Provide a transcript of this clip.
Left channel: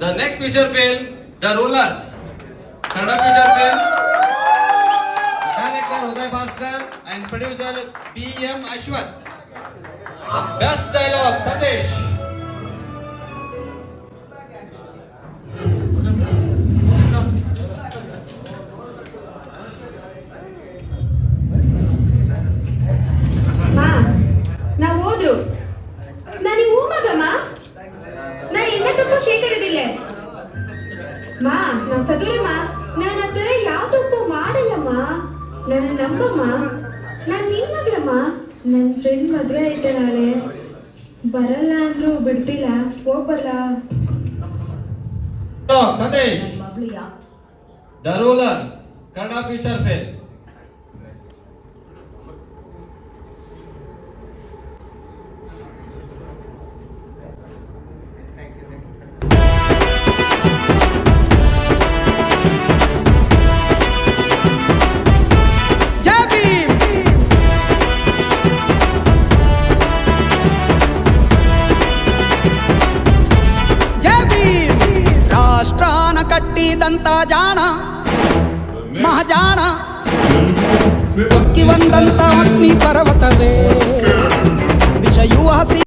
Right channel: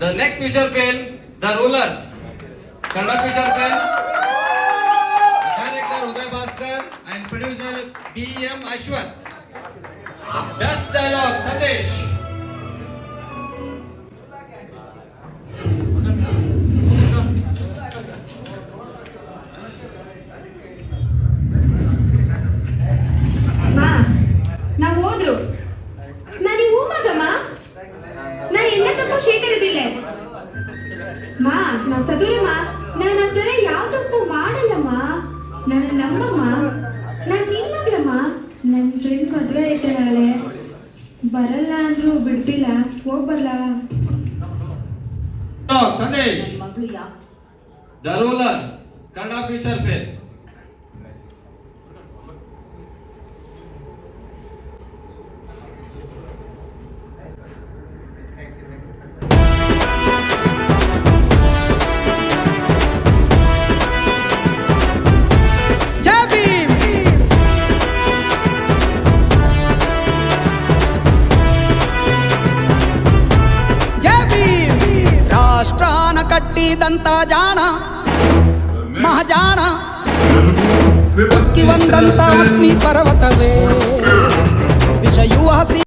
The next feature film, The Rulers. Kannada feature film. Director Uday Bhaskar and producer B.M. Ashwath. Best dialogue, Satish. ಶೇಖರದಿಲ್ಲ ಮಾ ನಾ ಸದೂರಮ್ಮ ನಾನು ಆ ಯಾವ ತಪ್ಪು ಮಾಡಲ್ಲಮ್ಮ ನನ್ನ ನಂಬಮ್ಮ. ನಾನು ನಿನ್ನಗ್ಲಮ್ಮ ನನ್ನ ಫ್ರೆಂಡ್ ಮದುವೆ ಐತೆ ನಾಳೆ. ಬರಲ್ಲ ಅಂದ್ರೂ ಬಿಡ್ತಿಲ್ಲ ಹೋಗ್ಬಲ್ಲ. Dialogue, Satish. Kannada Rulers. Kannada दंता जाना मह जाना उसकी वंदनता अपनी पर्वत वे। विषयु हसी